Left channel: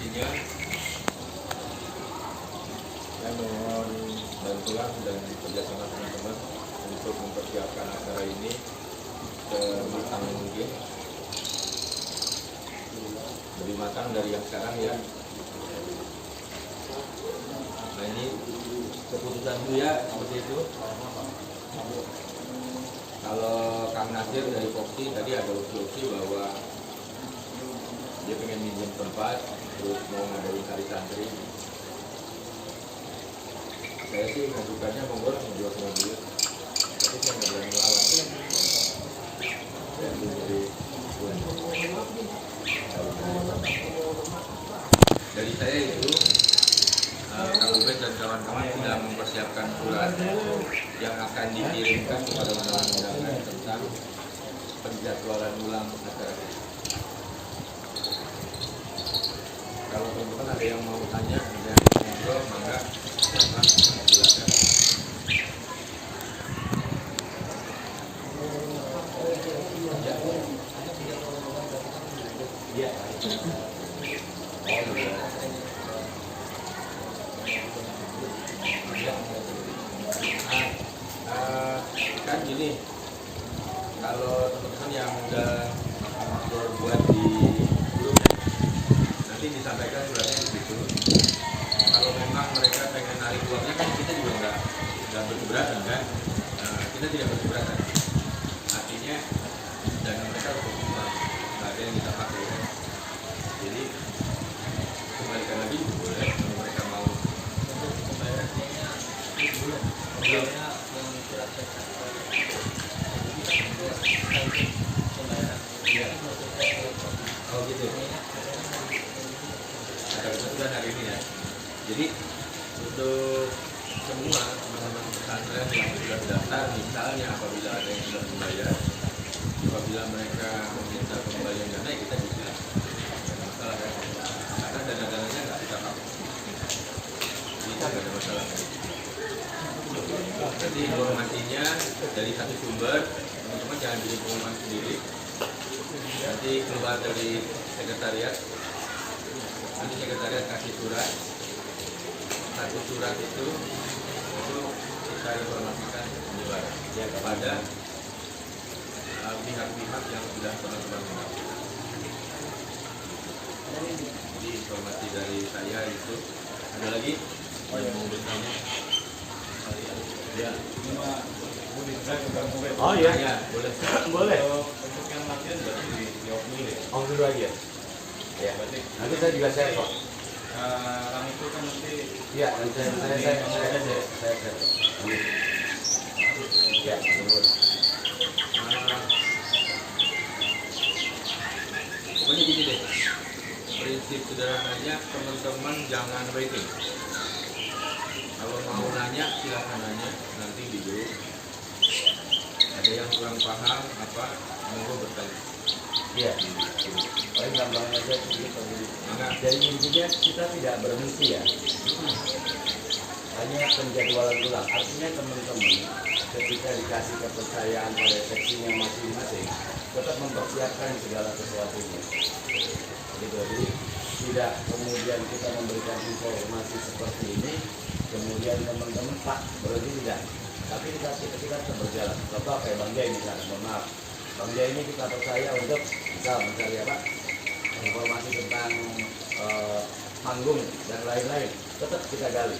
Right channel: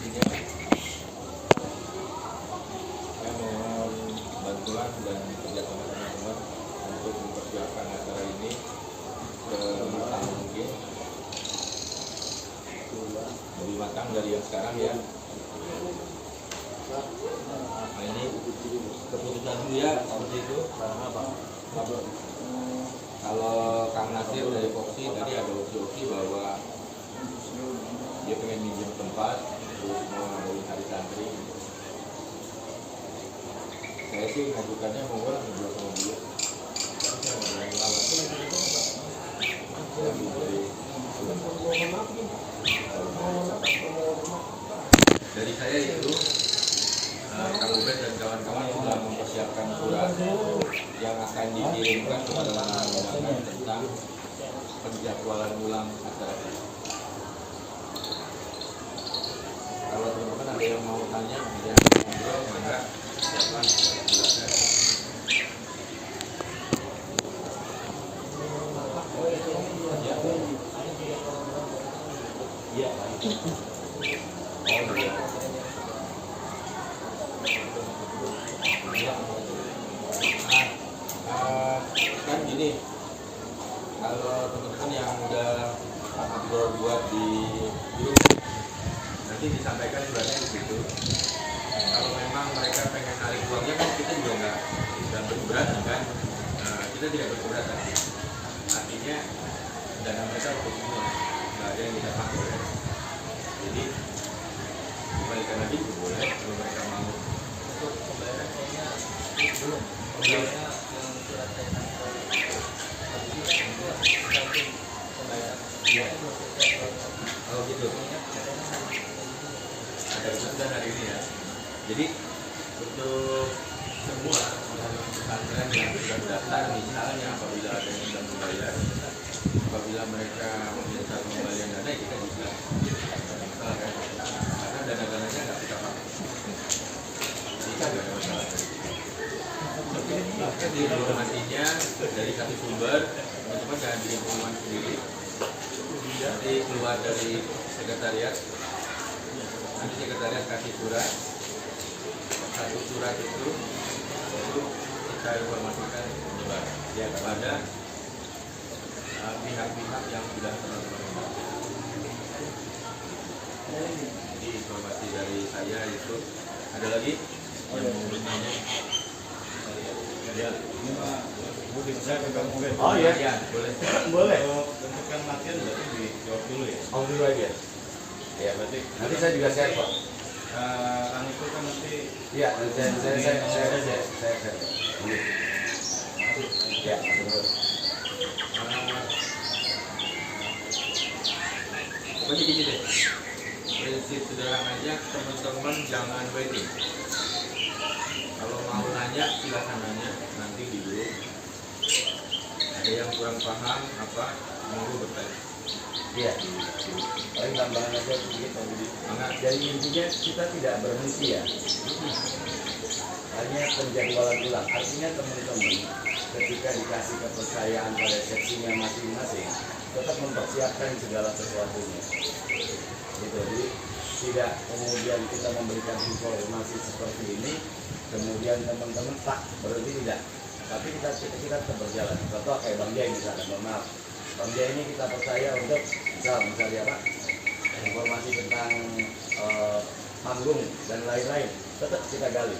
informasinya saya mohon bantuan dan kerjasama teman-teman untuk mempersiapkan acara ini sematang mungkin, lebih matang dari yang sekarang ya. Nah ini keputusan dulu ya, seperti itu. Kalau Kang Nasir dari Foxy tadi ada opsi-opsi bahwa dia pengen minjem tempat, terus mau ngadain hari santri. Saya sih ngajukannya monggo lah berdua sama dia, tapi saya nggak berani lawan. Saya dari saya itu Kang Ubed dan kawan-kawan sudah mempersiapkan surat yang akan dikirimkan kepada undangan tentang penjadwalan ulang acara kita. Kalau teman-teman ada yang mau tanya, ada yang mau ngobrol, maka silakan silakan. Ya. Ya. Oh iya. Kan gini, kalau teman-teman yang udah ngobrol buat di grup nanti disampaikan suratnya begitu. Kalau memang mereka pengen narik uangnya kan kita juga nggak berkeberatan kan, kita tidak berkeberatan. Artinya dana mereka untuk semua, nggak ada yang kita pakai kan. Jadi kembalikan lagi juga boleh kalau mereka mau. Untuk pembayaran kayaknya belum. Pembayarannya pembayaran. Iya. Oh gitu. Ada keputusan hari ini ya. Jadi untuk semua teman-teman pesantren yang sudah daftar, misalnya apabila ada yang sudah membayar, apabila mereka meminta pengembalian dana, kita bisa. Tidak ada masalah kan? Karena dana-dananya nggak kita pakai. Jadi nggak ada masalah. Nanti informasinya dari satu sumber, teman-teman jangan bikin pengumuman sendiri. Nanti keluar dari sekretariat, nanti sekretariat kasih surat. Satu surat itu kita informasikan menyebar ya kepada pihak-pihak yang sudah teman-teman undang. Jadi informasi dari saya itu. Ada lagi yang mau bertanya? Ya. Oh iya, ya, boleh. Boleh. Bentukan latihan berarti dijawab dulu ya. Oh dulu aja. Ya, berarti nanti saya juga share kok. Orang itu kan nanti. Iya, saya share. Ya, betul. Pokoknya gini deh. Prinsip sederhananya teman-teman jangan waiting. Kalau mau nanya silahkan nanya nanti di grup. Ada yang kurang paham apa, monggo bertanya. Iya. Paling tambahan aja sedikit Pak Budi. Jadi intinya kita tidak berhenti ya. Hanya penjadwalan ulang. Artinya teman-teman ketika dikasih kepercayaan pada seksinya masing-masing, tetap mempersiapkan segala sesuatunya. Gitu. Jadi tidak kemudian kita memberikan informasi seperti ini, kemudian teman-teman tak berhenti tidak. Tapi kita tetap berjalan. Contoh kayak Bang Jai misalnya, mohon maaf. Bang Jai ini kita percaya untuk misalnya apa? Informasi tentang panggung dan lain-lain tetap kita gali,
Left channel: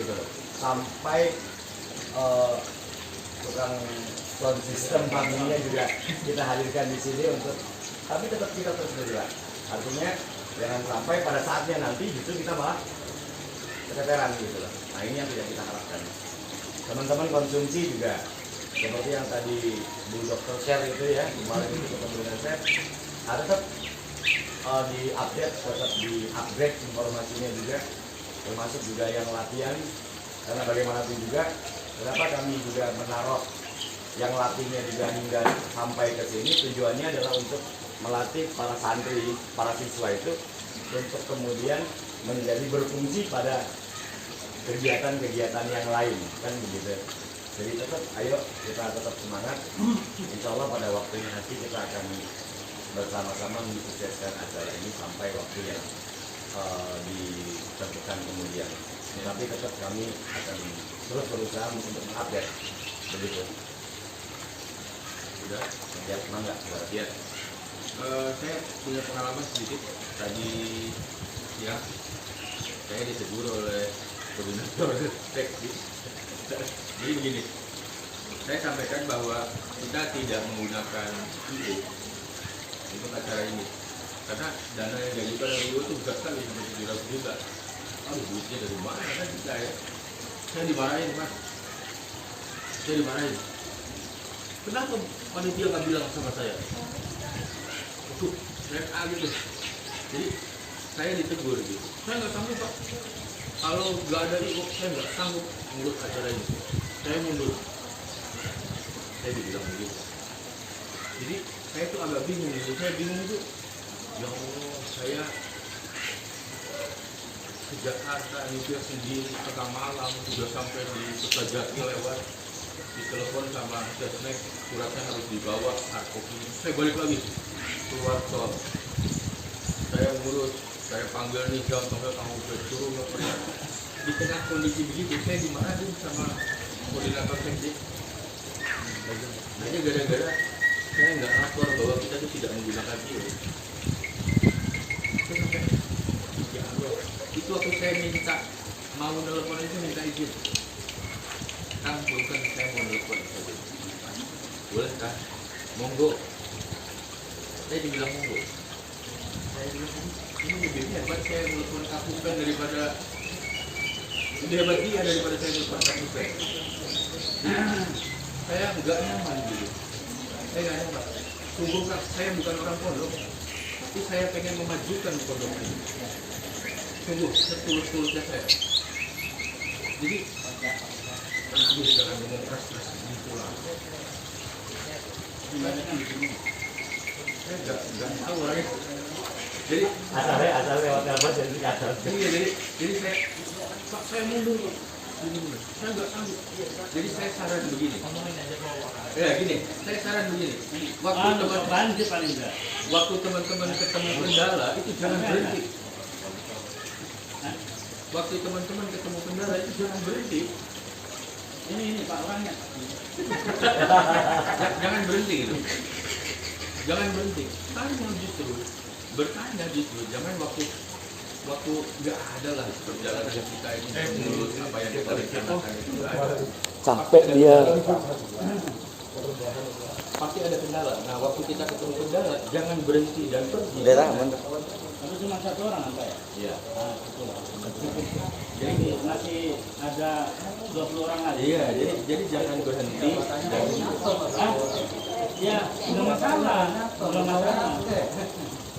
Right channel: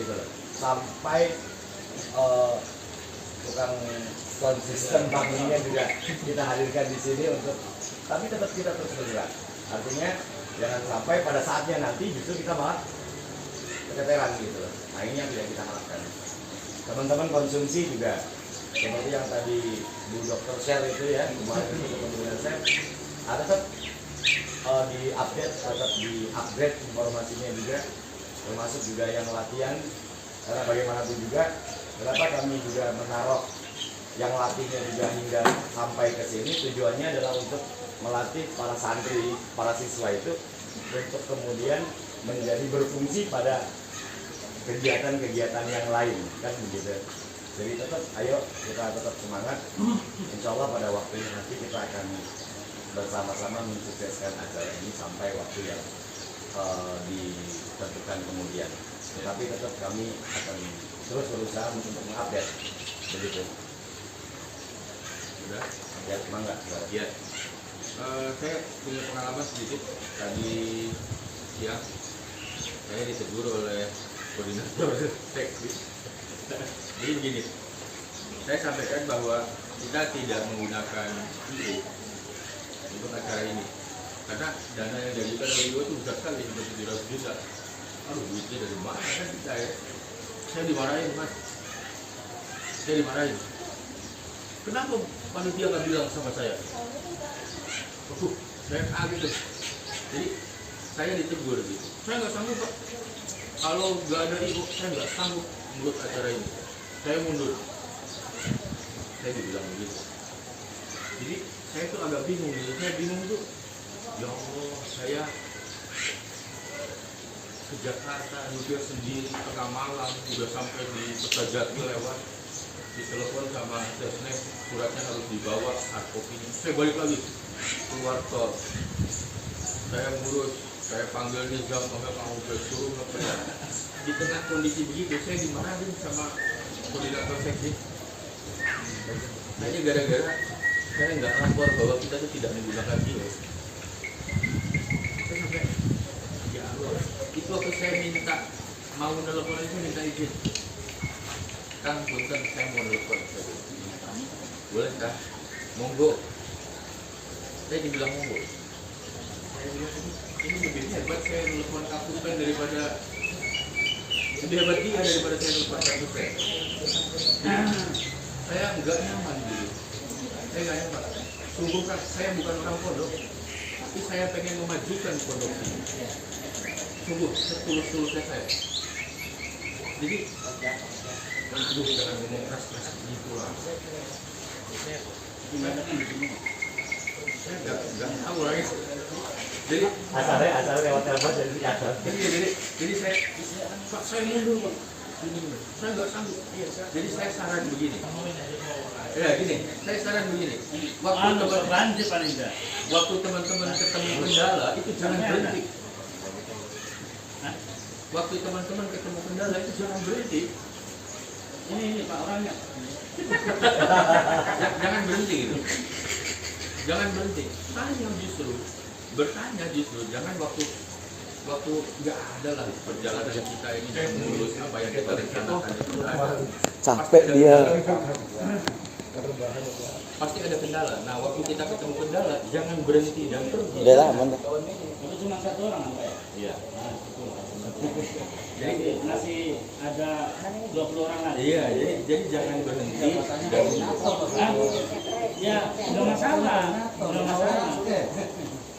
gitu loh. Sampai tukang sound system panggungnya juga kita hadirkan di sini untuk, tapi tetap kita terus bergerak. Artinya jangan sampai pada saatnya nanti justru kita malah keteteran gitu loh. Nah ini yang tidak kita harapkan. Teman-teman konsumsi juga seperti yang tadi Bu Dokter share itu ya, kemarin itu ketemu dengan saya, ada tetap di-upgrade informasinya juga, termasuk juga yang latihan. Karena bagaimanapun juga, kenapa kami juga menaruh yang latihnya juga hingga sampai ke sini, tujuannya adalah untuk melatih para santri, para siswa itu untuk kemudian menjadi berfungsi pada kegiatan-kegiatan yang lain, kan begitu. Jadi tetap, ayo kita tetap semangat. Insya Allah pada waktunya nanti kita akan bersama-sama mensukseskan acara ini sampai waktu yang ditentukan kemudian. Tetapi tetap kami akan terus berusaha untuk mengupdate begitu. Sudah? Ya, mangga. Ya. Saya punya pengalaman sedikit. Tadi siang saya ditegur oleh koordinator seksi. Jadi begini, saya sampaikan bahwa kita tidak menggunakan IO untuk acara ini karena dana yang diajukan oleh IO itu besar sekali, sampai 700 juta. Aduh, duitnya dari mana kan kita ya? Saya dimarahin, Mas. Saya dimarahin. Kenapa panitia nggak bilang sama saya? Waduh, saya kaget tuh. Jadi saya ditegur gitu. Saya nggak sanggup, Pak. Kalau nggak ada IO, saya nggak sanggup ngurus acara ini. Saya mundur. Saya dibilang begitu. Jadi saya tuh agak bingung gitu. Saya bingung tuh. Ya Allah, saya ke Jakarta nyetir sendiri tengah malam, sudah sampai di Kertajati lewat, ditelepon sama Sesnek, suratnya harus dibawa, hard copy-nya. Saya balik lagi keluar tol. Saya ngurus, saya panggil nih jam sampai kamu suruh ngeprint. Di tengah kondisi begitu, saya dimarahin sama koordinator seksi. Hanya gara-gara saya nggak lapor bahwa kita tuh tidak menggunakan IO. Itu sampai ya Allah. Itu waktu saya minta mau nelpon itu minta izin. Kang, punten saya mau nelpon. Boleh kah? Monggo. Saya dibilang monggo. Saya bilang ini lebih hebat saya nelpon Kapupen daripada lebih hebat dia daripada saya nelpon Kapupen. Saya nggak nyaman gitu. Saya nggak nyaman. Sungguh Kang, saya bukan orang pondok, tapi saya pengen memajukan pondok ini. Sungguh setulus-tulusnya saya. Jadi, aduh, jangan ngomong keras-keras gitu lah. Saya nggak tahu lah ya. Jadi Asal lewat telepon jadi asal. jadi saya mundur Pak. Gini. Saya nggak sanggup. Jadi saya saran begini. Ya gini, saya saran begini. Waktu teman-teman ketemu kendala itu jangan berhenti. Waktu teman-teman ketemu kendala itu jangan berhenti. Ini Pak orangnya. Jangan berhenti gitu. Jangan berhenti. Bertanya justru. Jangan waktu nggak ada lah perjalanan kita ini mulus apa yang kita rencanakan itu nggak ada. Capek dia. Pasti ada kendala. Nah waktu kita ketemu kendala jangan berhenti dan pergi. Dia aman. Itu cuma satu orang apa ya? Iya. Nah, itu. Jadi masih ada 20 orang lagi. Iya. Jadi jangan berhenti dan Ya, udah masalah. Udah masalah.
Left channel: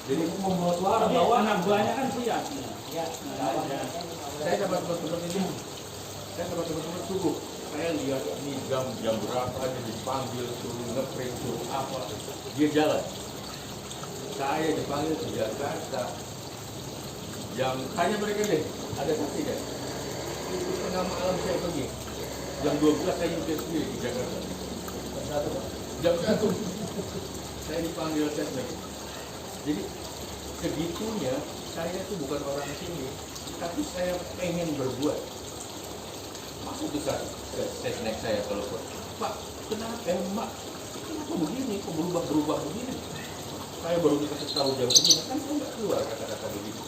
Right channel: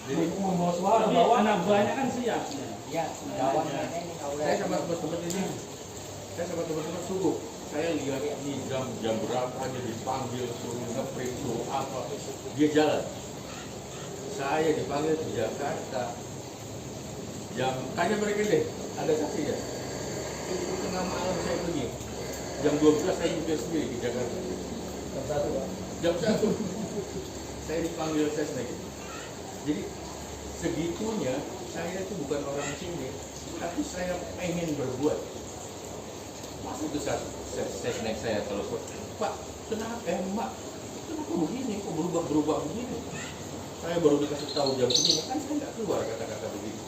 jadi Membawa suara, bawa anak buahnya kan siap. Ya, saya sama teman-teman ini, saya sama teman-teman sungguh. Saya lihat ini jam berapa dia dipanggil suruh ngeprint suruh apa, dia jalan. Saya dipanggil ke Jakarta. Tanya mereka deh, ada saksi ya? Itu tengah malam saya pergi. Jam 12 saya nyetir sendiri di Jakarta. Jam 1 saya dipanggil Sesnek. Jadi segitunya saya itu bukan orang sini, tapi saya pengen berbuat. Masuk ke Sesnek saya telepon, Pak, kenapa Mak? Kenapa begini? Kok berubah begini? Saya baru dikasih tahu jam segini, kan saya nggak keluar kata-kata begitu.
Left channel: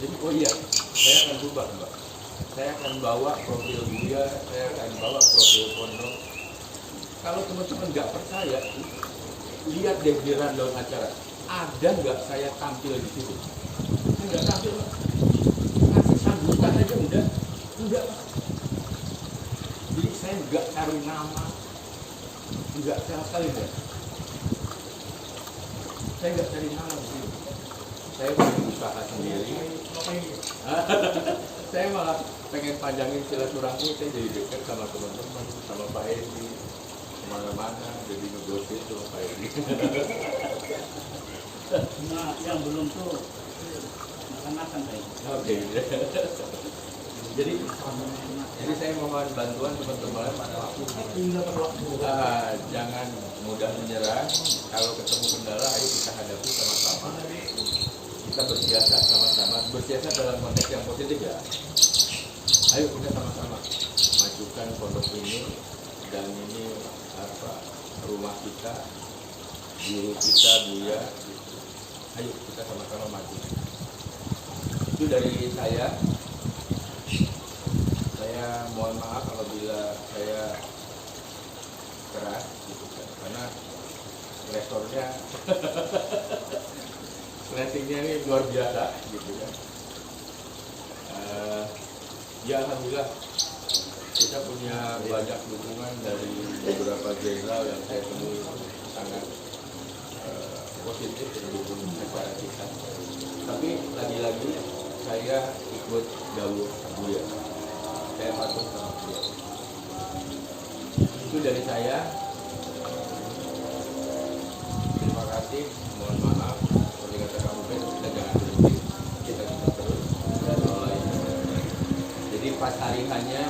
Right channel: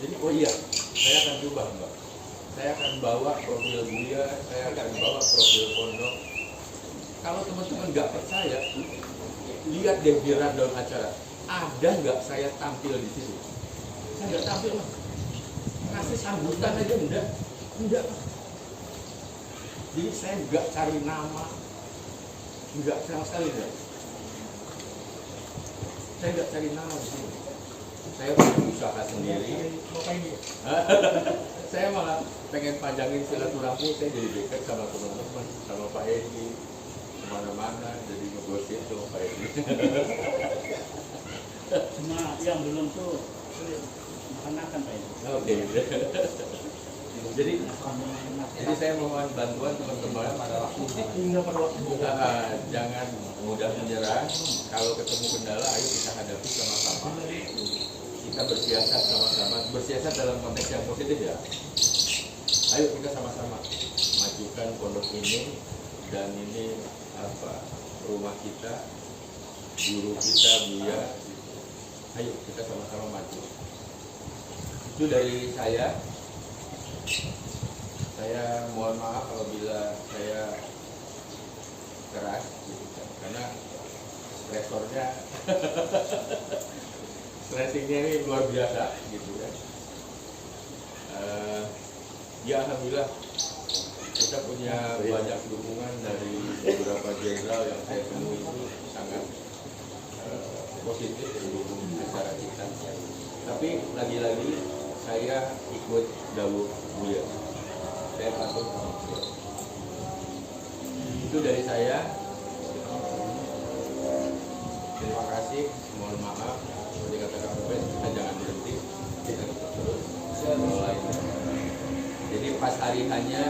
Jadi oh iya, saya akan berubah Mbak. Saya akan bawa profil Buya, saya akan bawa profil pondok. Kalau teman-teman nggak percaya, lihat deh di rundown acara. Ada nggak saya tampil di situ? Saya nggak tampil, Pak. Ngasih sambutan aja enggak, Pak. Jadi saya nggak cari nama, nggak sama sekali deh. Saya nggak cari nama di sini. Saya punya usaha sendiri. Saya malah pengen panjangin silaturahmi. Saya jadi dekat sama teman-teman, sama Pak Edi, kemana-mana, jadi negosiasi sama Pak Edi. cuma yang belum tuh makan-makan kayak. Oke. Jadi saya mohon bantuan teman-teman. Jangan mudah menyerah. Kalau ketemu kendala, ayo kita hadapi sama-sama. Kita kita bersiasat sama-sama, bersiasat dalam konteks yang positif ya. Ayo kita sama-sama majukan pondok ini, dan ini apa, rumah kita, guru kita, Buya gitu. Ayo kita sama-sama maju. Itu dari saya mohon maaf apabila saya keras gitu kan, karena resornya ratingnya ini luar biasa gitu kan. Ya alhamdulillah kita punya banyak dukungan dari beberapa jenderal yang saya temui, itu sangat positif mendukung acara kita. Tapi lagi-lagi saya ikut dawuh Buya, saya patuh sama beliau. Itu dari saya. Terima kasih, mohon maaf seperti kata Kang Ubed, kita jangan berhenti, kita akan terus lain. Jadi pas hari hanya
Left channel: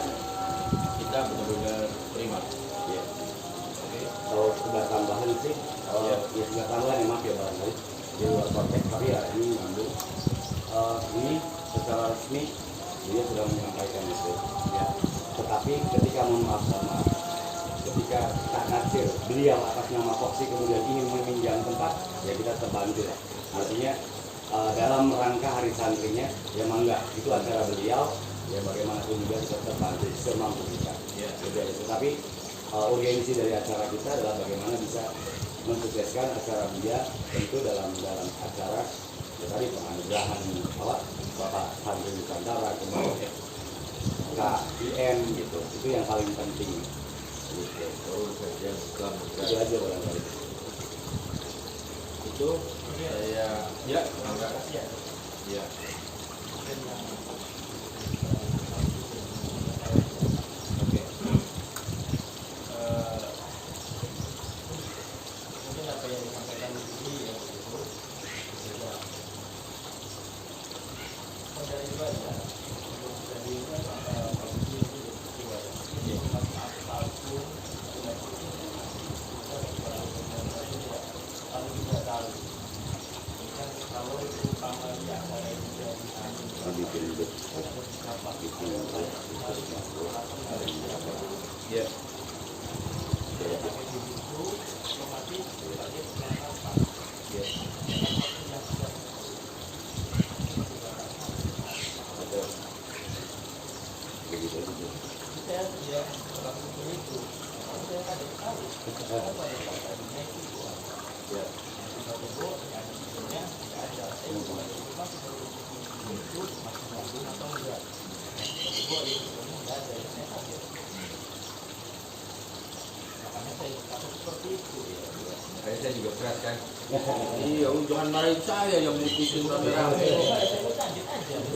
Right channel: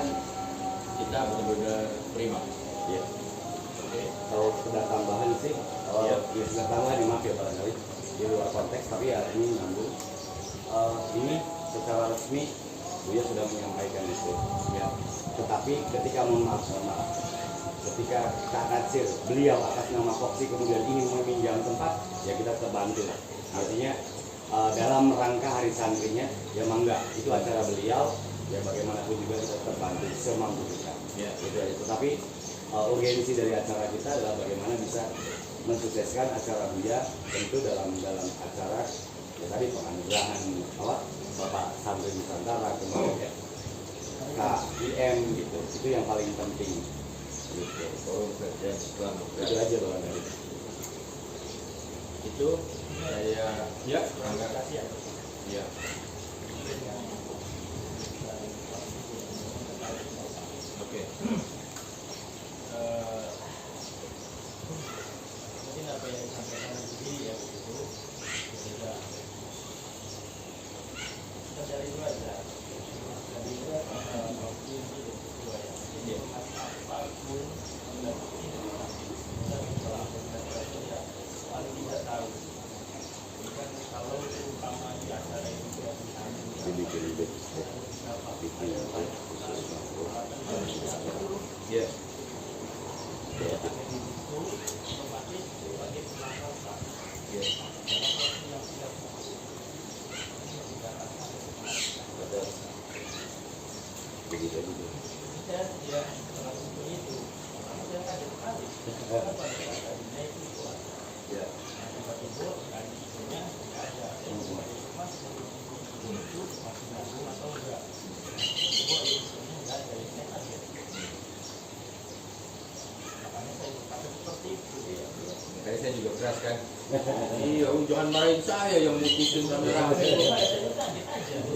kita benar-benar prima. Ya. Kalau sudah tambahan sih, ya sudah tambahan, maaf ya barangkali di luar konteks, tapi ya ini nyambung. Ini secara resmi dia sudah menyampaikan itu, ya. Tetapi ketika mohon maaf, ketika Kak Natsir beliau atas nama Foxy kemudian ingin meminjam tempat, ya kita terbantu lah. Artinya dalam rangka hari santrinya, ya mangga, itu acara beliau, ya bagaimanapun juga kita terbantu semampu kita. Ya, itu. Tapi urgensi dari acara kita adalah bagaimana bisa mensukseskan acara dia, tentu dalam acara ya tadi penganugerahan Bapak Santri Nusantara, kemudian KIM gitu, itu yang paling penting. Gitu. Forum Kajian Islam Itu aja barangkali. Itu saya ya terima kasih ya. Ya. Oke. Mungkin apa yang disampaikan tadi ya itu beda. Dari dua ya. Dari dua bagus itu dua ya. Jadi apapun tidak mungkin bisa berlaku paling tidak tahu. Kan kalau terutama di acara yang sudah diambil Ya. Saya juga keras kan. Iya, jangan marahin saya yang mutusin rame-rame.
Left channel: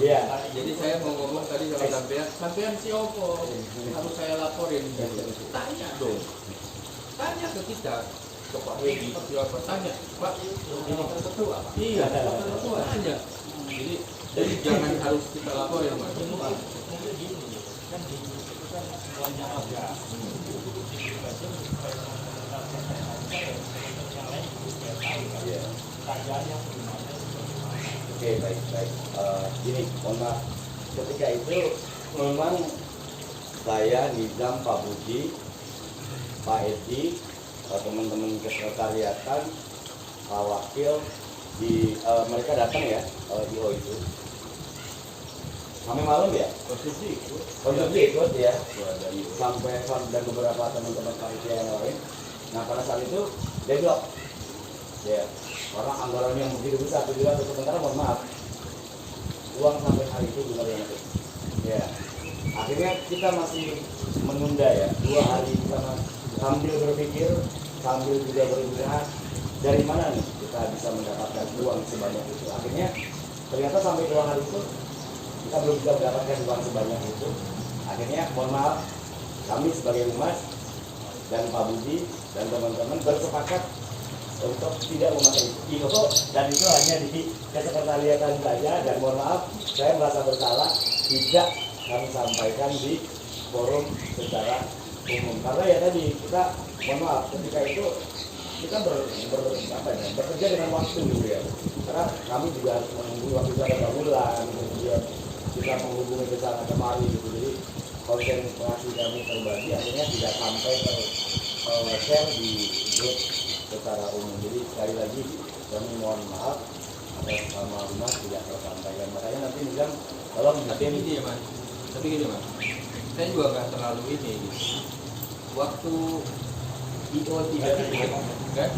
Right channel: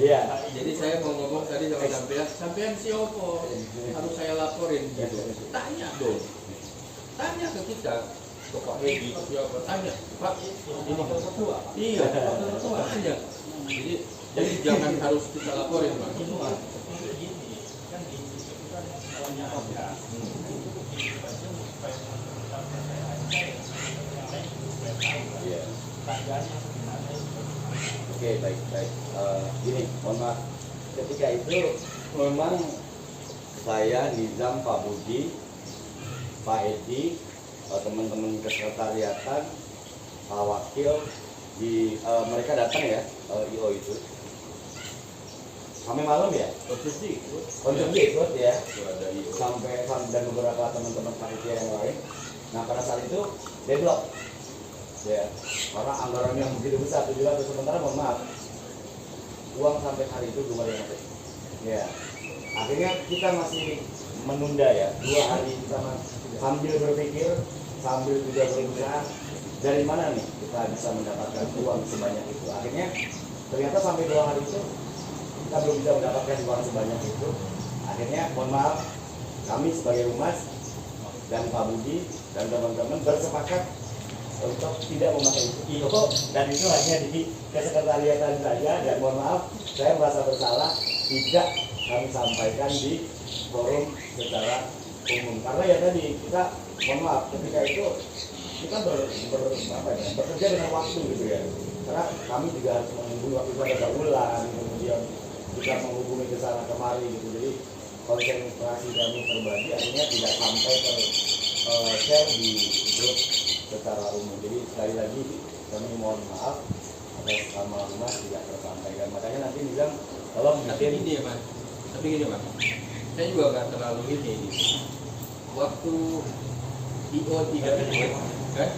Iya. Jadi saya mau ngomong tadi sama sampean siapa? Harus saya laporin gitu. Tanya dong. Tanya ke kita. Ke Pak Hedi siapa? Tanya, Pak. Iya, tanya. Jadi jangan harus kita laporin, Pak. Oke, baik. Gini, mohon maaf. Ketika itu memang saya, Nizam, Pak Budi, Pak Edi, teman-teman kesekretariatan, Pak Wakil, mereka datang ya, IO itu. Sampai malam ya? Konsumsi ikut ya. ada IO. Sampai dan beberapa teman-teman panitia yang lain. Nah pada saat itu deadlock ya, karena anggaran yang begitu besar 7 juta, sementara mohon maaf uang sampai hari itu belum ada yang masuk ya. Akhirnya kita masih menunda ya 2 hari, kita sambil berpikir, sambil juga berusaha dari mana nih kita bisa mendapatkan uang sebanyak itu. Akhirnya ternyata sampai 2 hari itu kita belum bisa mendapatkan uang sebanyak itu. Akhirnya mohon maaf, kami sebagai humas dan Pak Budi dan teman-teman bersepakat untuk tidak memakai IO, dan itu hanya di kesekretariatan saja. Dan mohon maaf, saya merasa bersalah tidak kami sampaikan di forum secara umum, karena ya tadi kita mohon maaf ketika itu kita bekerja dengan waktu gitu ya. karena kami juga harus menghubungi waktu itu ada Baulan, kemudian kita menghubungi ke sana kemari gitu. Jadi konsentrasi kami terbagi akhirnya tidak sampai share di grup secara umum. Jadi sekali lagi kami mohon maaf atas nama rumah tidak tersampaikan. Makanya nanti bilang tolong Tapi bikin gini ya mas, saya juga nggak terlalu ini gitu. Waktu IO tidak ikut, kan?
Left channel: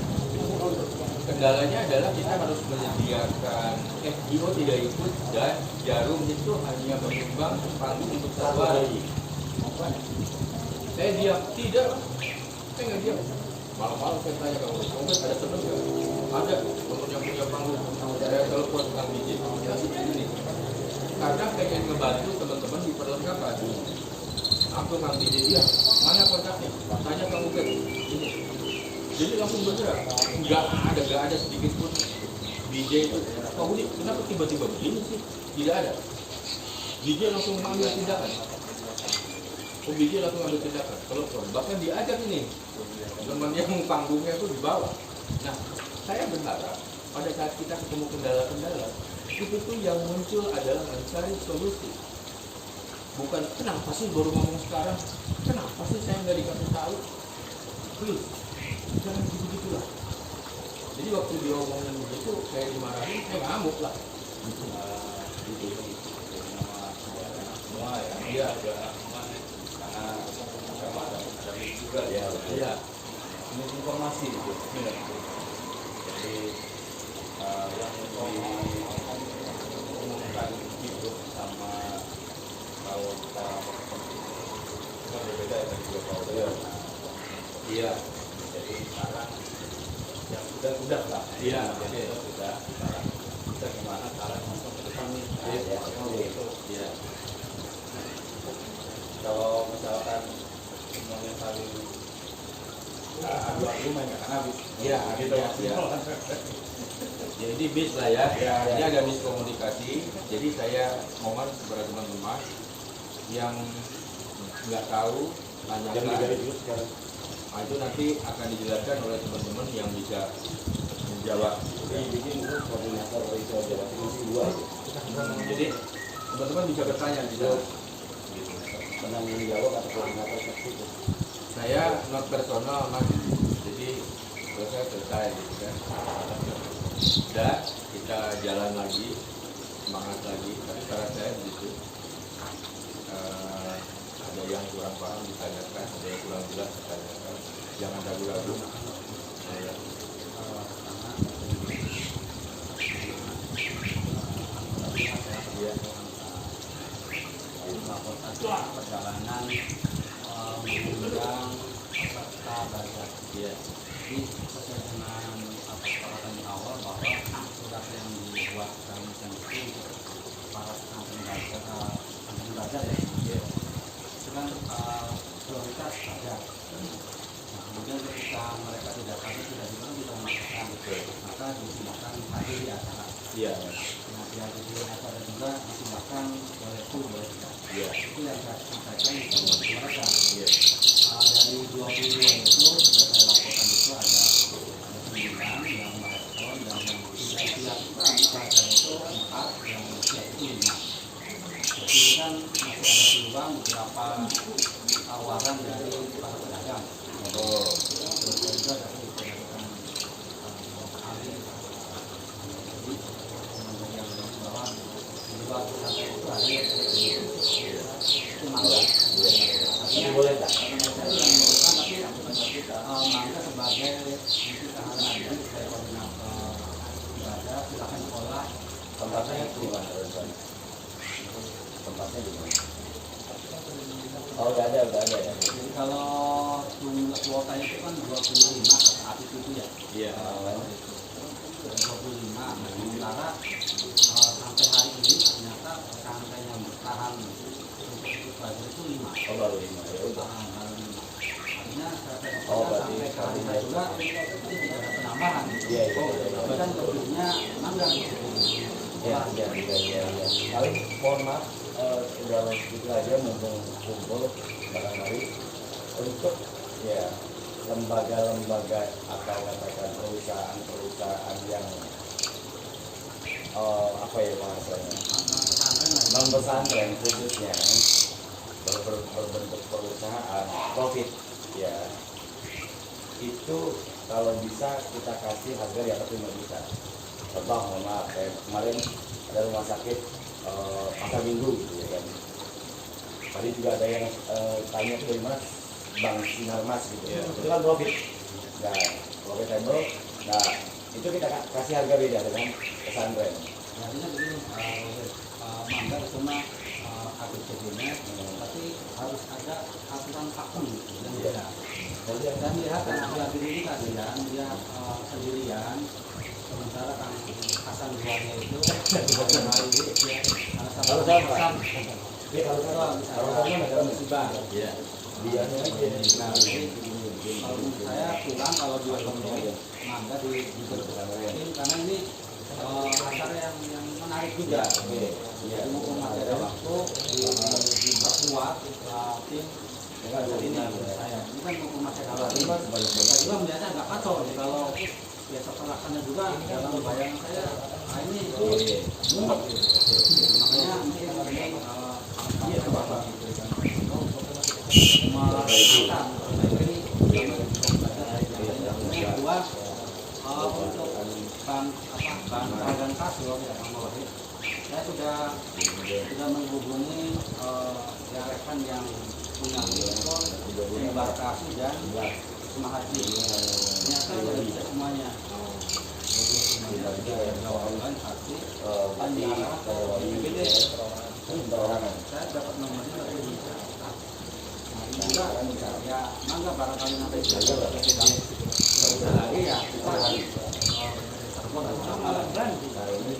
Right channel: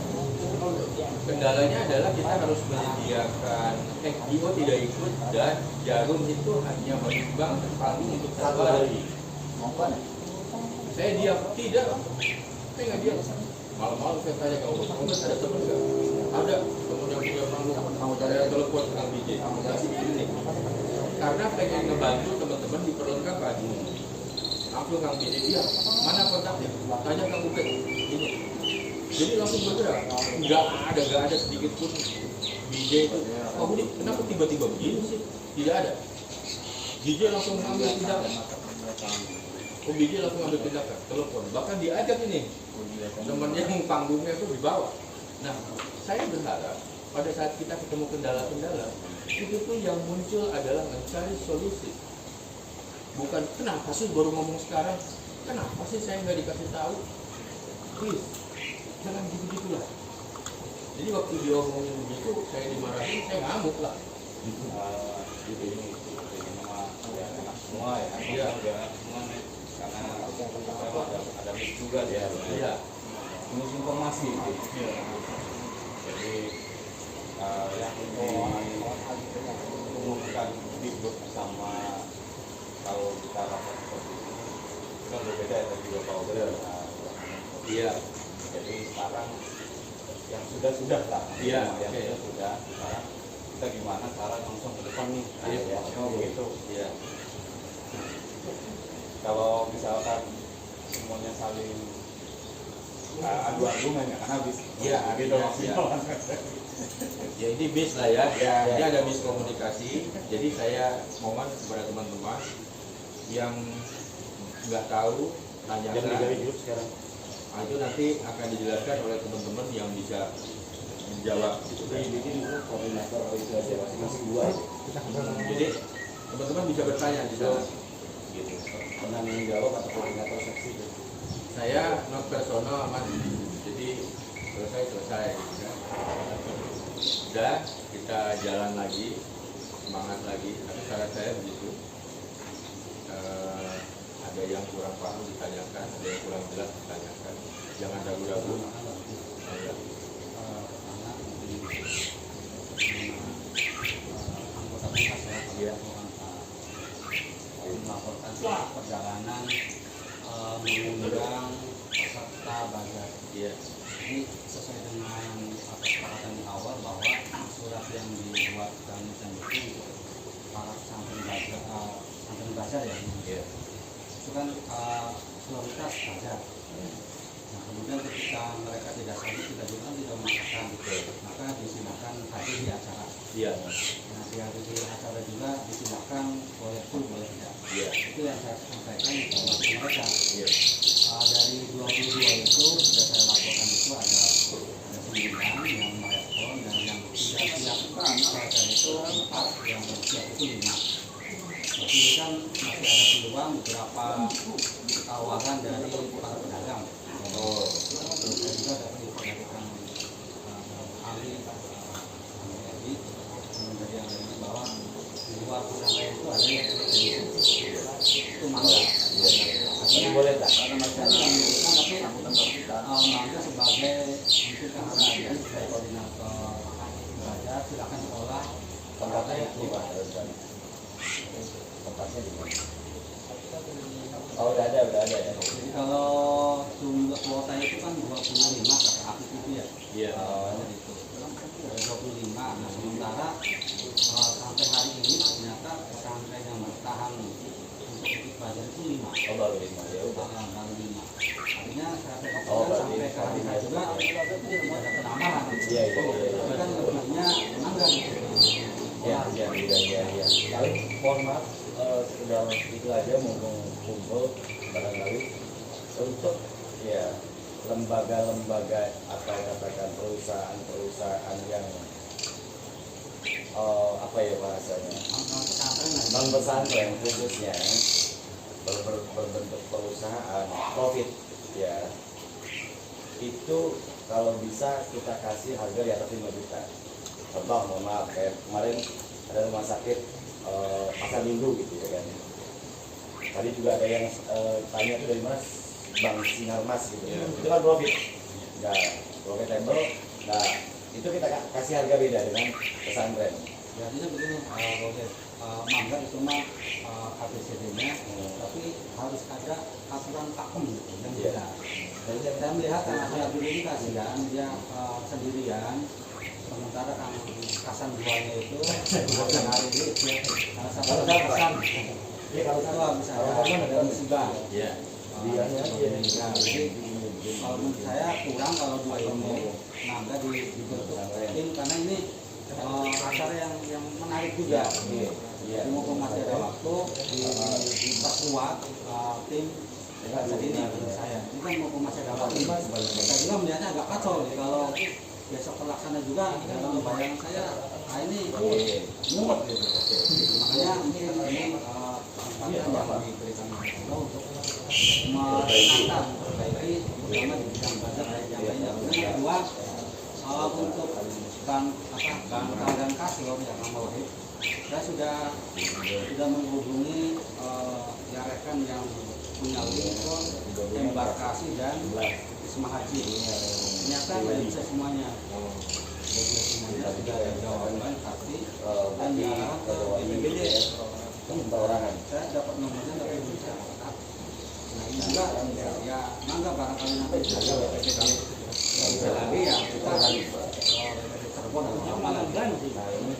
Kendalanya adalah kita harus menyediakan IO tidak ikut dan Jarum itu hanya menyumbang panggung untuk satu hari. Saya diam, tidak, saya nggak diam. Malam-malam saya tanya kamu, ada teman nggak? Ada teman yang punya panggung. Saya telepon Kang DJ. Karena pengen ngebantu teman-teman di perlengkapan. Langsung Kang DJ dia, mana kontaknya? Tanya Kang Ubed. Ini. Jadi langsung bergerak. Nggak ada sedikit pun DJ itu. Wah Budi, kenapa tiba-tiba begini sih? Tidak ada. DJ langsung mengambil tindakan. DJ langsung ambil tindakan. Telepon. Bahkan diajak ini. Teman yang panggungnya itu di bawah. Nah, saya berharap pada saat kita ketemu kendala-kendala, itu tuh yang muncul adalah mencari solusi. Bukan kenapa sih baru ngomong sekarang? Kenapa sih saya nggak dikasih tahu? Please, jangan gitu-gitulah. Jadi waktu dia ngomongin begitu, saya dimarahin, saya ngamuk lah. Gitu semua ya. Iya. Karena ada mix juga ya. Iya. Ini informasi gitu. Iya. Jadi yang diumumkan di grup sama kalau kita lapor seperti itu kan berbeda ya tadi juga Pak Uda. Iya. Jadi sekarang yang sudah lah. Iya. Yang sudah sekarang kita gimana cara langsung ke depan nih. Iya. Begitu. Iya. Kalau misalkan semuanya saling adu-adu main akan habis. Iya, gitu iya, maksimal. Ya ini bis lah ya. Ya, Ini ya. ada miskomunikasi. Jadi saya mohon kepada teman-teman yang nggak tahu jam 3 tanyakan. dulu sekarang. Nah, itu nanti akan dijelaskan oleh teman-teman yang bisa menjawab. Jadi bikin itu koordinator itu aja masing-masing dua aja. Jadi teman-teman bisa bertanya di sana. Gitu. Penanggung jawab atau koordinator seksi itu. Saya non personal mas, jadi selesai gitu kan. Dan kita jalan lagi, semangat lagi. Tapi saran saya begitu. Ada yang kurang paham ditanyakan, ada yang kurang jelas ditanyakan. Jangan ragu-ragu. Ya. Pertama anggota pihak ya, Iya. melaporkan perjalanan mengundang peserta bazar. Iya. Jadi sesuai dengan apa kesepakatan di awal bahwa surat yang dibuat kami itu untuk para santri bazar ya. Iya. Itu kan prioritas bazar. Nah, kemudian ketika mereka tidak hadir tidak dimana kita memaksakan, maka disimulkan hadir di acara. Iya. Nah, di acara juga disimulkan boleh full boleh tidak. Iya. Itu yang saya sampaikan informasi mereka. Iya. Dari 22 itu sudah saya laporkan itu ada 9 yang merespon dan yang tidak siap baca itu 4, yang siap itu 5. Jadi kan masih ada peluang beberapa tawaran dari para pedagang. Oh. Terus saya juga dapat informasikan ahli jadi dari yang lain bahwa di luar pesantren itu ada yang itu mangga. Ini boleh tak? Saya tidak menyebutkan tapi mangga sebagai untuk tahanan aja sebagai koordinator ibadah silakan sekolah Tempatnya di mana rencana? Tempatnya di mana? Oh udah ada ya. jadi kalau jumlah kuota itu kan 25 kata Afif itu ya. Iya. Itu 25. Nah, sementara sampai hari ini ternyata pesantren yang bertahan untuk ikut belajar itu 5. Oh baru 5 ya udah. Baru 5. Artinya saya Oh, berarti sampai saat ini juga tidak ada penambahan. Iya. Tapi kan lebihnya mangga gitu. Iya. Kalau mohon maaf sudah itu aja mumpung kumpul barangkali untuk ya lembaga-lembaga atau katakan perusahaan-perusahaan yang apa ya bahasanya, pesantren lah. non pesantren khususnya berbentuk perusahaan profit ya, itu kalau bisa kita kasih harga di atas 5 juta. Contoh, mohon maaf, kayak kemarin ada rumah sakit pasar minggu gitu ya kan. Tadi juga ada yang tanya tuh dari mana, Bang Sinarmas gitu. Itu kan profit. Nah, profitable. Nah, itu kita kasih harga beda dengan pesantren. Artinya begini, mangga cuma ABCD-nya, tapi harus ada aturan pakem gitu yang beda. Jadi saya melihat anak dulu ini kasihan, dia sendirian, sementara Kang Hasan duanya itu hari itu ya, kalau saya pesan, kalau saya misalnya musibah, Iya. nah, jadi kalau menurut saya kurang kalau di mangga diberbetin karena ini acara yang menarik juga. Jadi mumpung masih ada waktu diperkuat tim. Jadi ini menurut saya, ini kan mumpung masih ada waktu. Saya juga melihatnya agak kacau nih kalau besok terlaksana juga dalam bayangan saya ini mumet gitu. Makanya mungkin ini Bapak diberikan untuk mengangkat memperbaiki terutama di bidang budget yang lainnya. Yang kedua untuk bank dan kasur ya Bang Wahid, saya sudah menghubungi rekan yang punya Wilson, embarkasi dan Wisma Haji. Ternyata sudah bisa semuanya. Sudah jawaban pasti dan diarah ke BPBD. Saya dapat nomornya dari bisa. Nah ini juga ya mangga barangkali nanti bisa BPBD lagi ya kita terbon malam kan itu jadi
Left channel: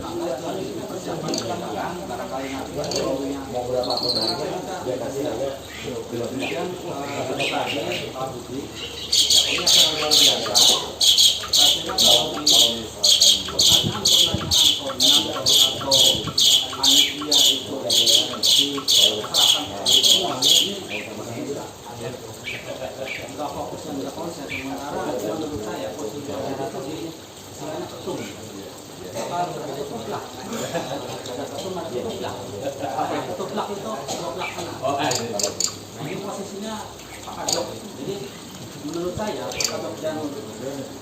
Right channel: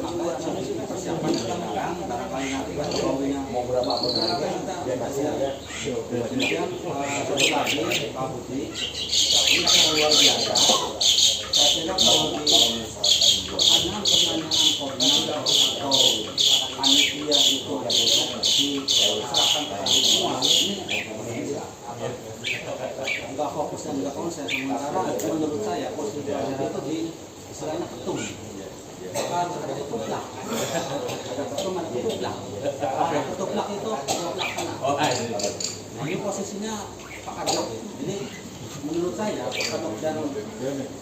mangga itu persiapan sekarang barangkali nanti Mau berapa pun harga dia kasih harga. kemudian satu lagi Pak Budi ini sangat luar biasa. Saya kira kalau di pertanyaan koordinator atau panitia itu diserahkan kepada semua ini enggak fokus dan enggak konsen. Sementara menurut saya posisi itu di istilahnya ketum. Harus ada ketuplak. Ada ketum, ada ketuplak. Ketuplak itu ketua pelaksana. Nah ini posisinya Pak Kadok. Jadi menurut saya Pak Kadok dan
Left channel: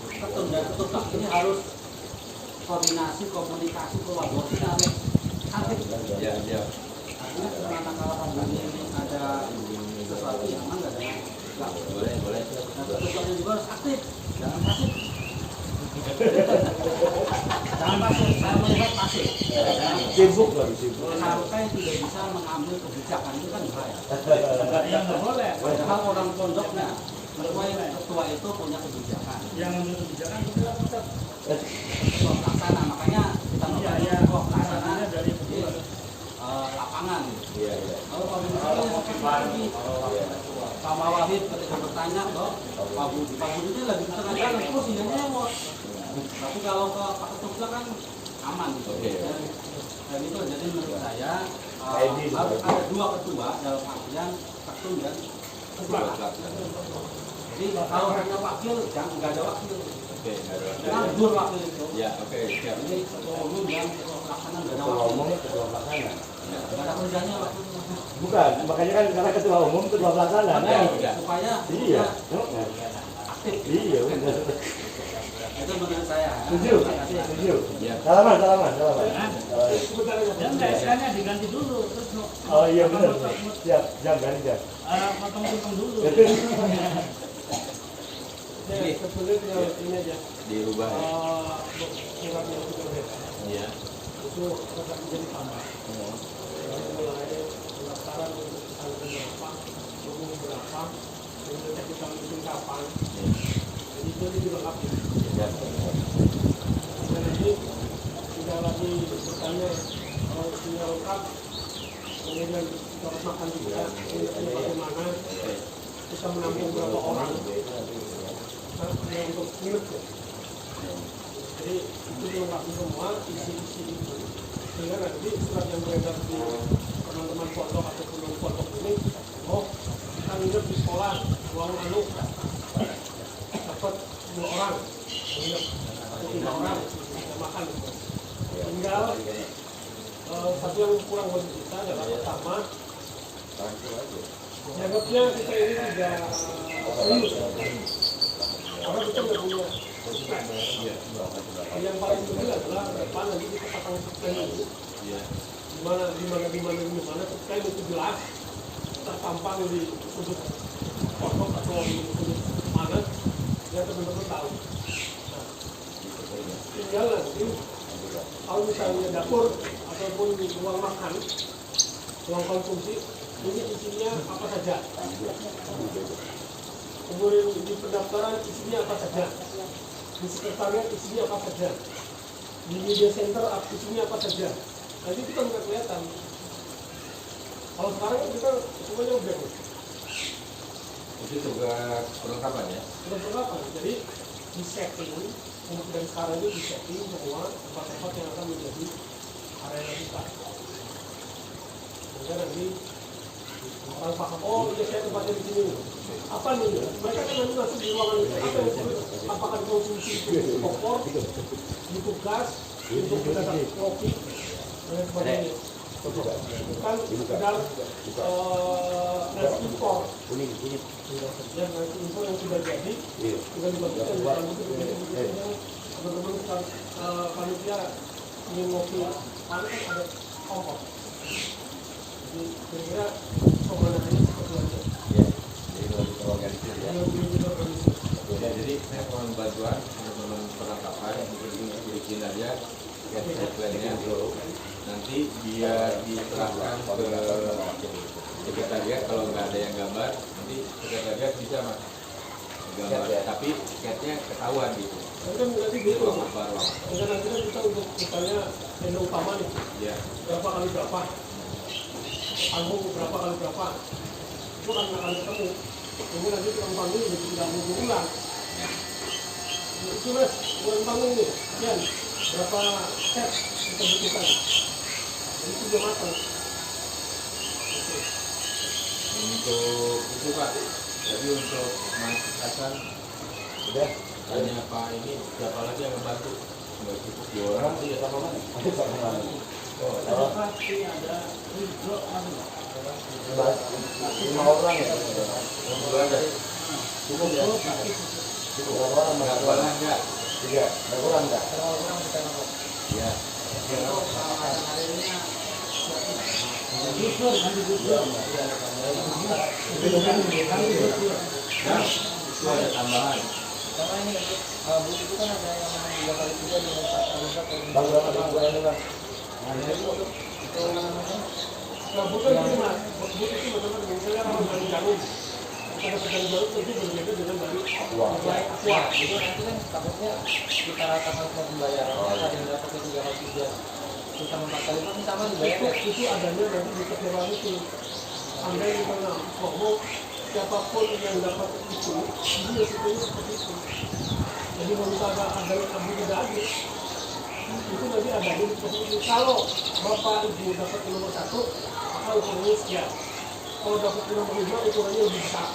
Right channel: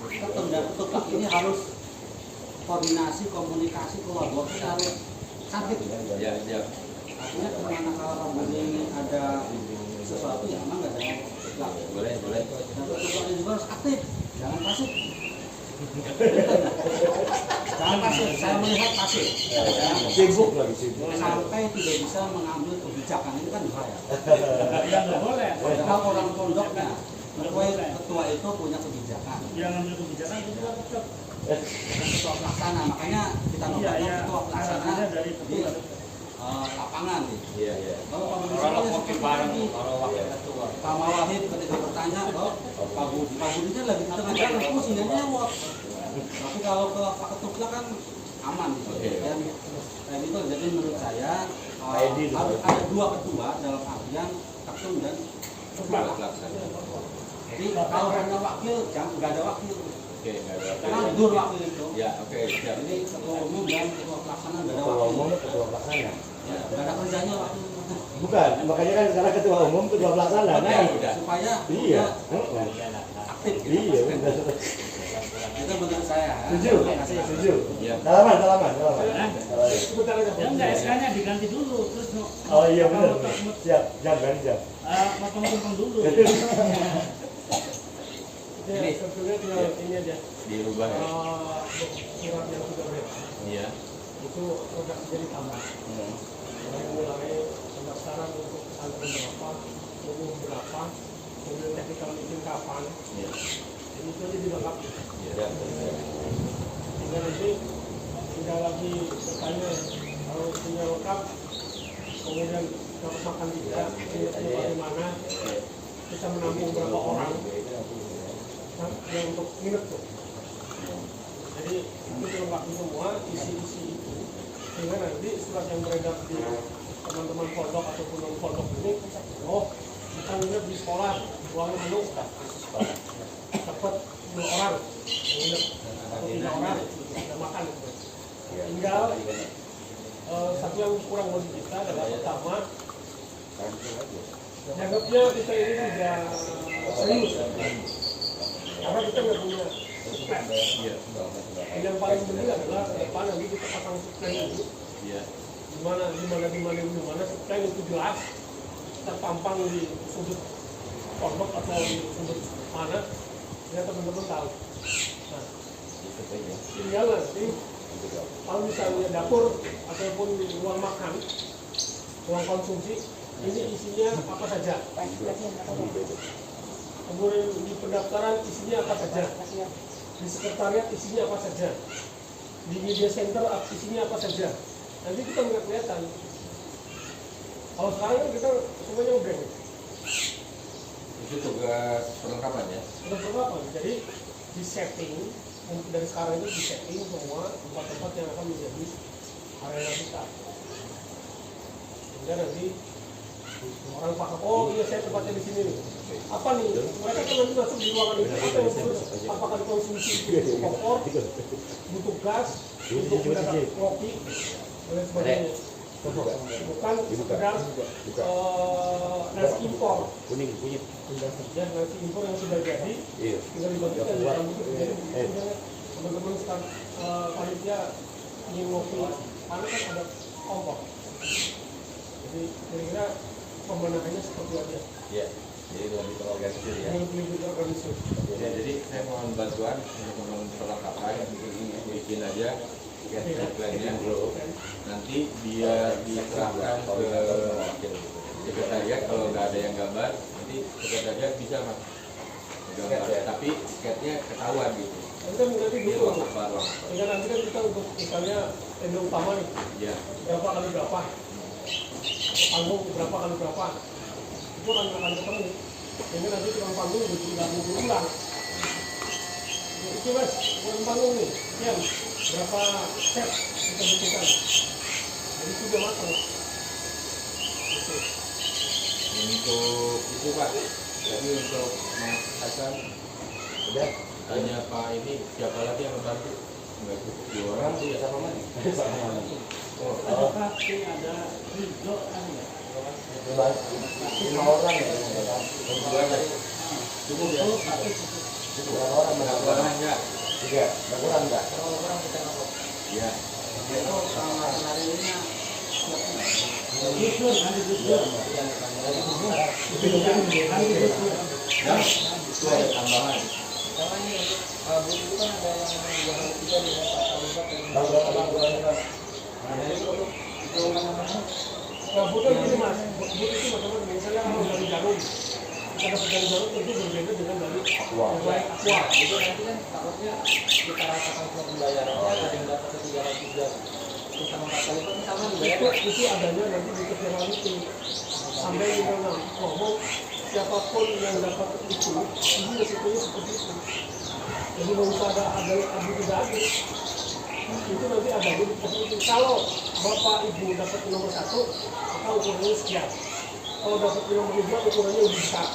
ketum dan ketuplak ini harus koordinasi, komunikasi, kolaborasi harus cantik. Artinya kemana kalau Rabu ini ada sesuatu yang emang nggak ada ketuplak. Boleh. Nah ketuplaknya juga harus aktif, jangan pasif. Jangan pasif, saya melihat pasif. Sibuk lagi sibuk. Sampai tidak bisa mengambil kebijakan itu kan bahaya. Padahal orang pondoknya, ketua itu punya kebijakan. Yang mengambil kebijakan itu tetap Ketua pelaksana, makanya kita namanya ketua pelaksana dari di lapangan. Iya. Kalau Pak Budi seperti Pak Mawahid ketika bertanya ke Pak Budi itu lagi di tengah jalan terus dia nyewot. Tapi kalau ke Pak Ketuplak kan aman gitu. Dan itu jadi menurut saya harus ada dua ketua dalam artian ketum dan ketua. Jadi kalau hanya wakil jangan nggak ada wakil. Nganggur wakil itu. Jadi ketua umum dan ketua pelaksana nggak ada Ketua wakil. umum, ketua pelaksana. Nggak ada kerjanya wakil. Bukan, makanya kan sekarang ketua umum, ketua pelaksana kan. Supaya Iya. aktif. Iya, benar. Itu menurut saya. Setuju. Salaman. enggak istilahnya diganti dulu terus Oh iya benar. Siap, ganti jam. potong dulu. Ini. Sebetulnya tinggal ini aja. Dirubah ya. Surat yang sudah ada. Iya. Itu tetap jadi sama. Dari mulai pendaftaran untuk pesantren berapa, umum berapa, kemudian ketika meeting kapan, jadi itu dilengkapi. Dan nanti tidak lagi bertanya kalau punya lengkap, kemudian dapat makan juga, ini bagaimana, bisa menampung berapa orang, yang untuk minum tuh. Jadi itu dilengkapi semua isi-isi itu. Sehingga nanti surat yang beredar di teman-teman pondok ataupun non pondok ini, oh kita nginep di sekolah, uang dapat 2 orang nginep, atau untuk 5 orang yang makan gitu. Ya, Tinggal satu yang kurang bagi kita adalah pertama, cancel aja. dianggapnya kita ini tidak serius karena kita nggak punya. Iya. Yang paling penting adalah ke depan nanti kita pasang supply itu Iya. di mana supply itu jelas terpampang di sudut pondok atau di sudut mana ya teman-teman tahu. Nah, tinggal nanti kalau misalnya dapur ataupun ruang makan, ruang konsumsi ini isinya apa saja. Kemudian di pendaftaran isinya apa saja, di sekretariat isinya apa saja, di media center isinya apa saja. Nanti kita nggak kelihatan. Kalau sekarang kan kita semuanya udah Itu tugas perlengkapan ya. udah perlengkapan. Jadi di setting untuk dari sekarang ini di setting semua tempat-tempat yang akan menjadi area kita. Sehingga nanti orang paham, oh iya saya tempatnya di sini. Apa nih? Mereka kan nanti masuk di ruangan itu. Apa yang harus apakah dikonsumsi butuh kompor, butuh gas, untuk mendapat kopi dan lain sebagainya. Bukan sekedar nasi impor. Kuning, kunyit. Ya nasi impor yang sudah jadi, Iya. tinggal dibagikan jadi teman-teman panitia ingin ngopi, mana kan ada kompor. Jadi kira-kira pemandangannya seperti apa? Iya. Jadi lebih terorganisir ya. Yang lebih terorganisir. Ya, jadi saya mohon bantuan teman-teman perlengkapan bikin aja tiket plan-nya. Nanti dia diserahkan ke sekretariat. Kalau nggak ada yang gambar, nanti sekretariat bisa mas gambar. Tapi tiketnya ketahuan gitu. Tapi kan nanti Ini gitu. ruang apa, ruang apa. Sehingga nanti kan kita untuk misalnya tenda utama nih, Ya, berapa kali berapa, panggung berapa kali berapa, itu akan ketemu. Sehingga nanti tukang panggung jadi tidak mau berulang. Itu mas, bukan panggung nih, sekian, berapa set kita butuhkan. Jadi itu udah matang. Gitu. untuk itu pak. Jadi untuk Mas Hasan, Udah. tanya Pak ini siapa lagi yang ngebantu? Nggak cukup 2 orang sih ya. Siapa mana? Siapa mana? Oh, Ada Ridho namanya. 5 orang ya. dua aja. Cukup ya. Cukup berapa orang? Nggak kurang nggak? 3. Nggak kurang nggak? Iya. Ya, itu ada tambahan. Bang berapa bang? Kalau butuh itu mas, butuh itu teman-teman, misalnya kalau dari jarum, kita dapat dari jarum tentu berbeda dengan dari aqua. Jadi nanti kan takutnya kita ratakan semua pembayaran ada yang berapa ke 3 kali 3 kita 4 kali pun sama dibayar. Itu adanya nanti di ketentuan itu. Sampai di mana ngomong siapapun yang dapat itu, ini resikonya seperti itu. Jadi mau kita ada tidak ada, itu nanti ada di seperti itu. Kalau bapak ibu dapat di nomor 1, maka ukurannya sekian. Kalau dapat di nomor 2, ukurannya lebih besar.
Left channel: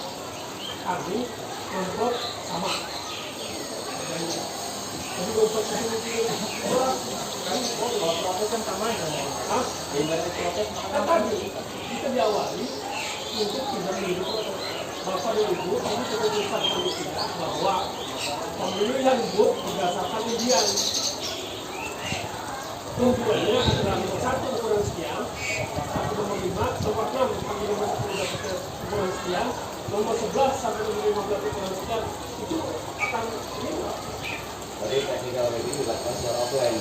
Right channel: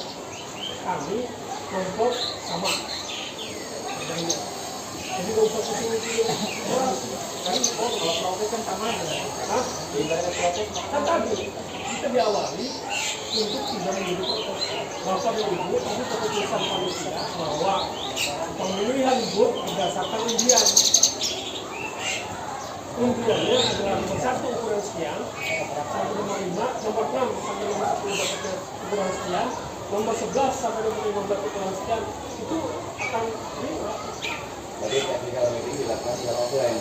Kami mentok sama. Adanya. Jadi dompet itu Oh kalau protes kan sama ya. Hah? Ibaratnya protes Kan tadi kita diawali untuk tidak menjadi protes. Bapak dan Ibu tadi keputusan panitia bahwa pemilihan booth berdasarkan undian. Undiannya adalah nomor 1 ukuran sekian, sampai nomor 5, nomor 6 sampai nomor 10 dapatnya ukuran sekian, nomor 11 sampai nomor 15 ukuran sekian, itu akan ini Jadi technical meeting dilakukan secara offline.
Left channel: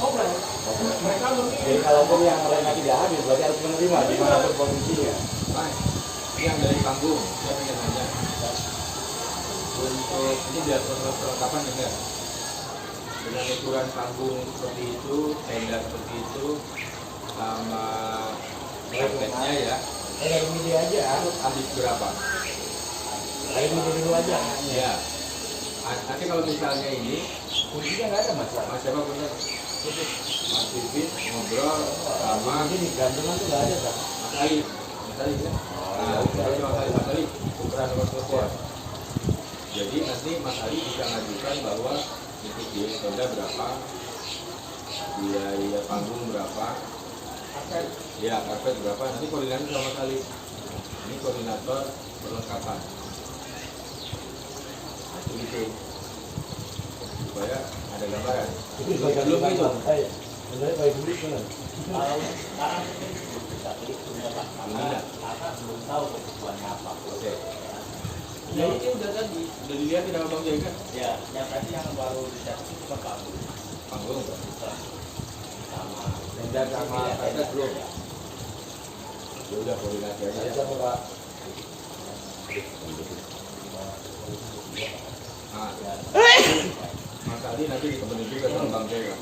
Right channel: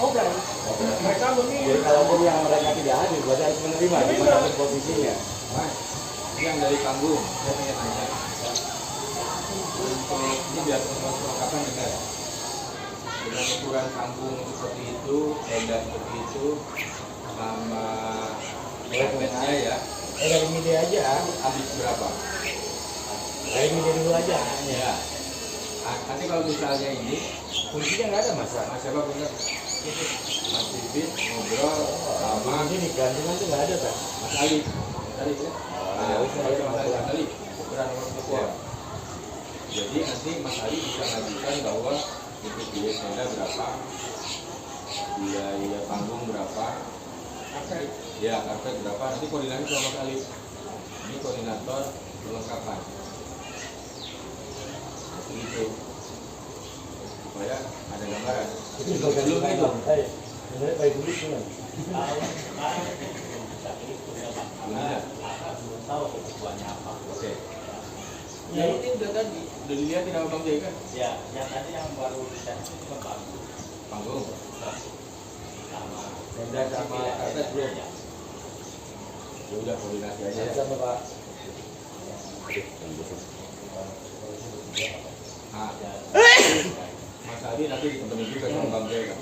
offline. Mereka memilih. Jadi kalaupun yang mereka tidak hadir, berarti harus menerima dimanapun posisinya. Mas, yang dari panggung, saya pengen nanya. Untuk ini biar perlengkapan dengar. Dengan ukuran panggung seperti itu, tenda seperti itu, sama karpetnya ya, Dari media aja. habis berapa? Dari media dulu aja. Ya. Nanti kalau misalnya ini, Kuncinya nggak ada mas. Mas siapa bener? Mas Pipit ngobrol sama Ini di gantungan tuh nggak ada kan? Mas Ali. Mas Ali ya? Mas Ali, ukuran nomor telepon. Jadi nanti Mas Ali bisa ngajukan bahwa Untuk biaya sepeda berapa, biaya panggung berapa, ya karpet berapa, nanti koordinasi sama Mas Ali. Ini koordinator perlengkapan. Nah, itu supaya ada gambaran. Itu bagian Belum itu. Sebenarnya baik dulu kan. Kalau sekarang belum bisa hitung ya Pak, karena kakak belum tahu kebutuhannya apa. Oke. Ya ini udah tadi, udah dilihatin sama Bang Jai kan? Ya, yang tadi yang baru dicari itu cuma panggung Panggung, sama tenda sama karpet belum. Ya udah koordinasi aja ya. Sama Pak. Nah, Mas Ali nanti ditemenin juga sama Bang Jai kan?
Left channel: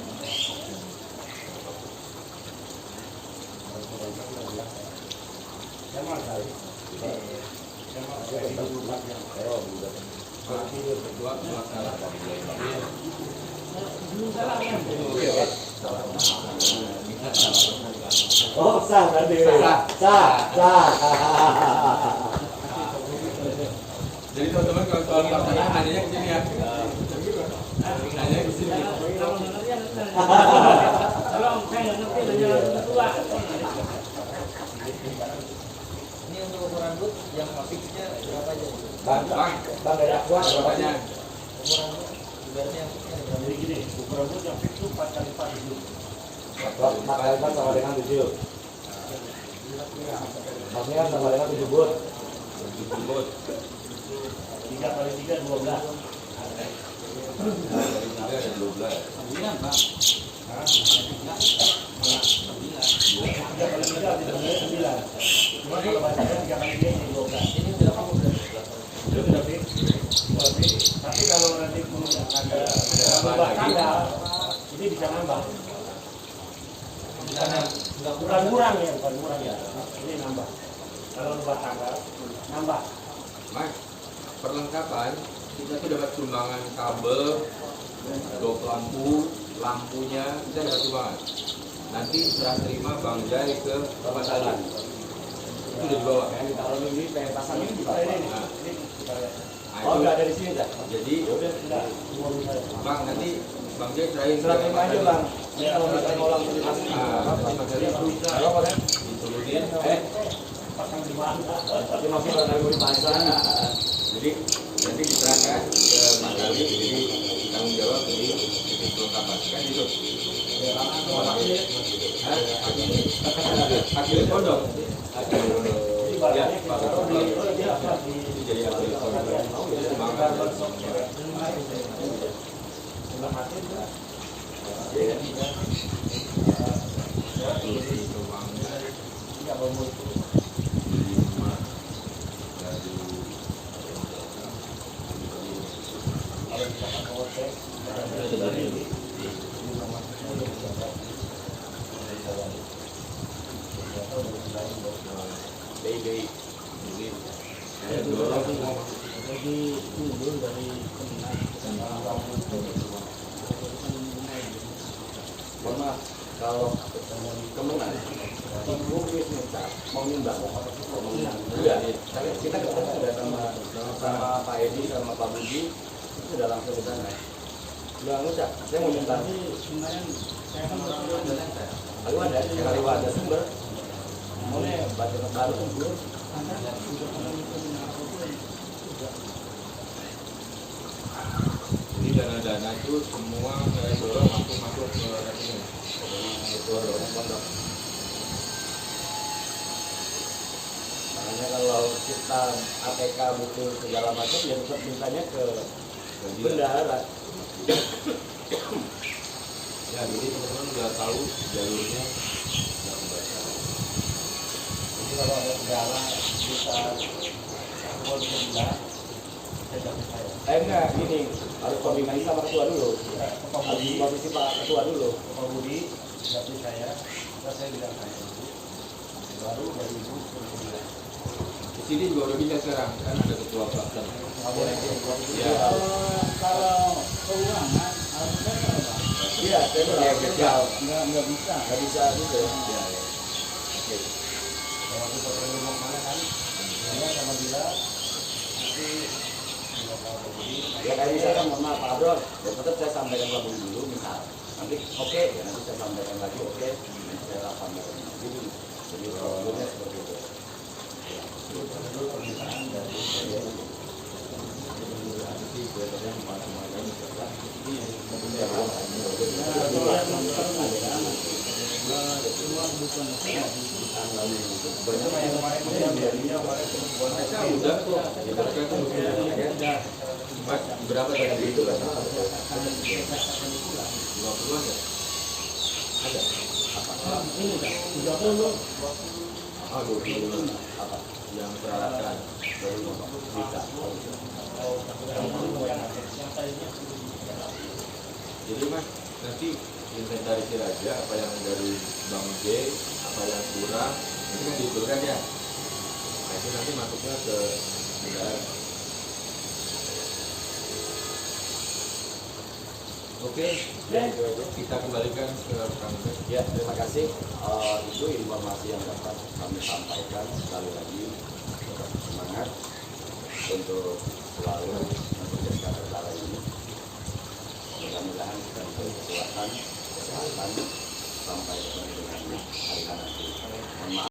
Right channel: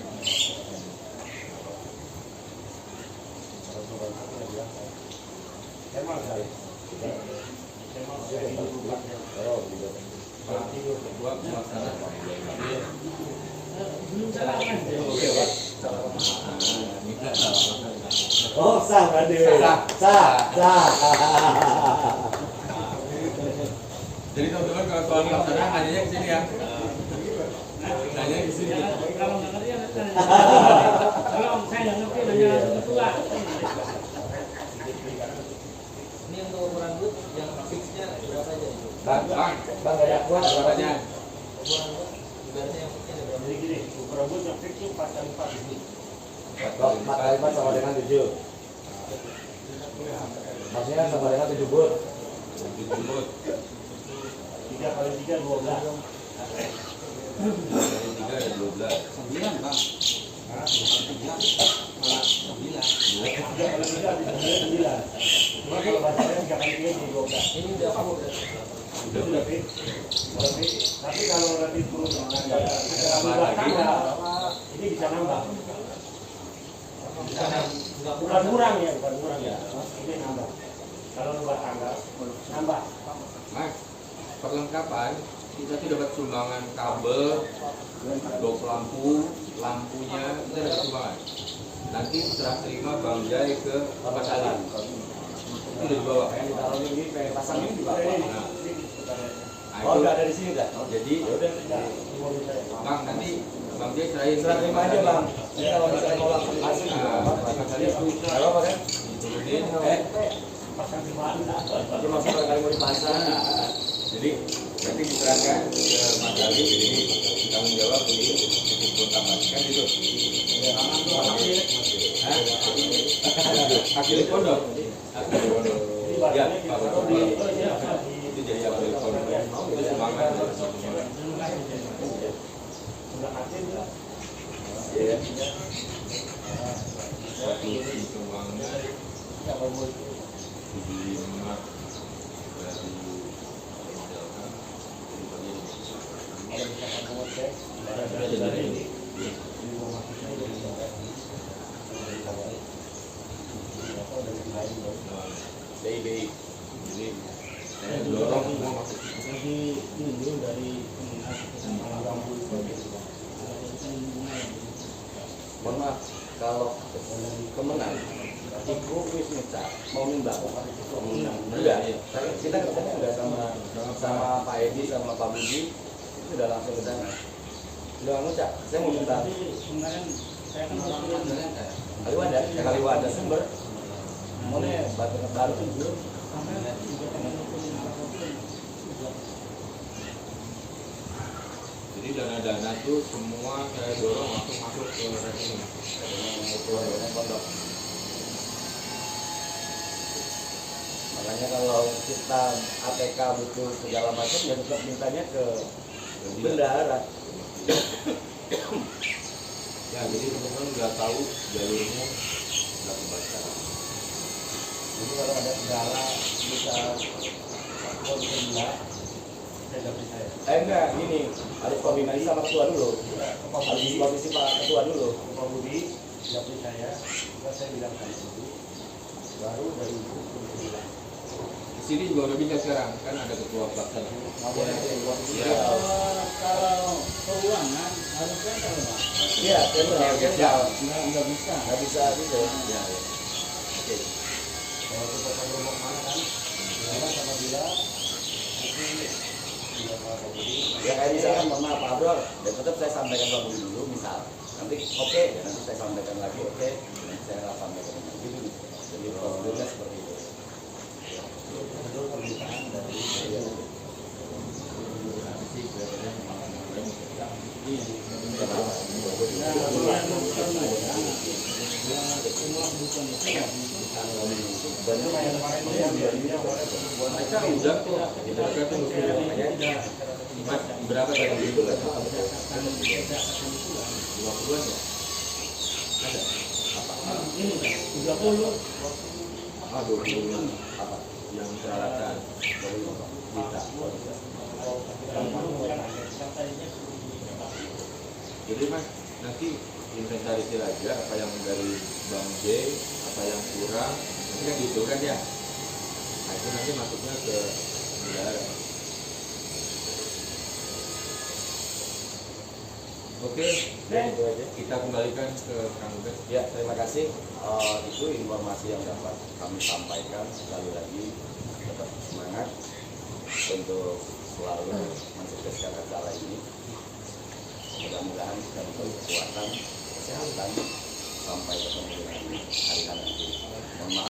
Berdua melaksanakan. Oke, Pak. Oh, sah tadi. Sah. Sah. Jadi teman-teman kalau soal pelaksanaan nanya ke sini ya. Nanya ke sini. Kalau saya nanti nanya ketua. Ini untuk ukuran but yang fixnya berapa Bu? Bang, Ada kuat berapanya? Ukuran but ibaratnya Jadi gini, ukuran but yang fix itu 4x4 itu. 4x4 sama dengan 7. Maksudnya sama dengan 7 but. 7 but. 3x3 12. Dari 3 ada 12. 9 Pak. 3x3 cuma kalau bahasanya 3x3 jadi 12. ini udah kamu berarti. Itu udah fix. Tapi kalau nanti pun ada tambahan buat lagi. tanggal, ini bisa nambah. Enggak Bukan kurang ya, bukan kurang ya. Ini nambah. Kalau buat tanggal, nambah. Mas, perlengkapan kita tuh dapat sumbangan kabel, dok lampu, lampunya kita dapat sumbangan. Nanti serah terima Bang Jai ke Mas Ali. Itu udah dibawa. Pengen ditaruh ini, pengen pasang ini juga. Ini, Nah, ini kita lihat. nah Oh, itu. udah ada di sini dah. Jadi Ya udah, Enggak, di mobil saya. Bang nanti Bang Jai serahin Serah terima aja, Bang. Ini kalau misalnya mau langsung dipasang juga Nah, nggak apa-apa. Mas Ali Nggak apa-apa kan? diturunin. Pasang di mana? Tapi masih barangkali mau dipasang. Jadi nanti diserahkan ke Mas Ali, jadi tanggung jawab di titik perlengkapan kan gitu. Hah? Akhirnya pondok. Akhirnya pondok. Ya, Pak Gubernur. Itu jadi akhirnya pondok. Itu sumbangan. Ya. Itu sumbangan. 5 dari BI. Jadi saya dorong semua masuk. Jadi dulu dari Mohon maaf, kalau kemenang, ibu wis ngucap mau nyumbang. Udah, kita ketemu sudah sama Pak Edi sama Pak Budi, itu sudah langsung ke sana. Udah ngucap, saya mau nyumbang. Kaliwada, Kaliwada sumber. Mana baca baru sumber. Jadi dana-dana itu semua saya dorong langsung masuk ke rekening. Itu pondok. Makanya kalau kita ATK butuh segala macam ya tetap mintanya ke bendahara. Ya, jadi teman-teman udah tahu jalurnya, udah membaca. Jadi kalau ada segala bisa satuan sebelah, saya ganti saya. Enggak, gini harus koordinasi sama ketua dulu. Pak Harus Budi, koordinasi Pak Ketua dulu. Pak Budi, ganti saya, kita saya bilang sama Ibu, baru dari Ibu ke sebelah. Di sini juga udah bisa sekarang, kan ada ketua pelaksana. Nggak boleh buat itu. Ya. Kalau keuangan harusnya kalau Pak Iya, saya bilang nggak bisa. nggak bisa gitu ya. Ya, ya. Oke. Kalau kita ke rumah mana kan, Bila sama Bila, nanti Ya kayak misalkan mohon maaf Pak Abrol, ya tetap saya sampaikan Pak Budi dulu misal. Nanti oke, ya nanti saya sampaikan lagi oke, nanti saya sampaikan lagi. Jadi prosedurnya seperti itu. Itu permintaan dari Masa udah kok, kita tunggu dulu aja. Mas, berapa tadi itu kan? 50-an ya? Ada? Ini kan 30. Ah, 20-an. Apa? Yang peralatan 25 Pak. Bisa. Oh, bisa. Jadi Mas, nanti inventarisir aja apa yang dari Bang J, apa yang kurang, nanti kan dihitung ya. Nah, itu nanti masuknya ke negara. Oke, kita kembalikan ke Kang Ubed. Ya, terima kasih. Itu informasi yang dapat kami sampaikan. Sekali lagi, tetap semangat untuk selalu mensukseskan acara ini. Mudah-mudahan kita diberi kekuatan, kesehatan, sampai ketemu dengan hari nanti. Mohon maaf.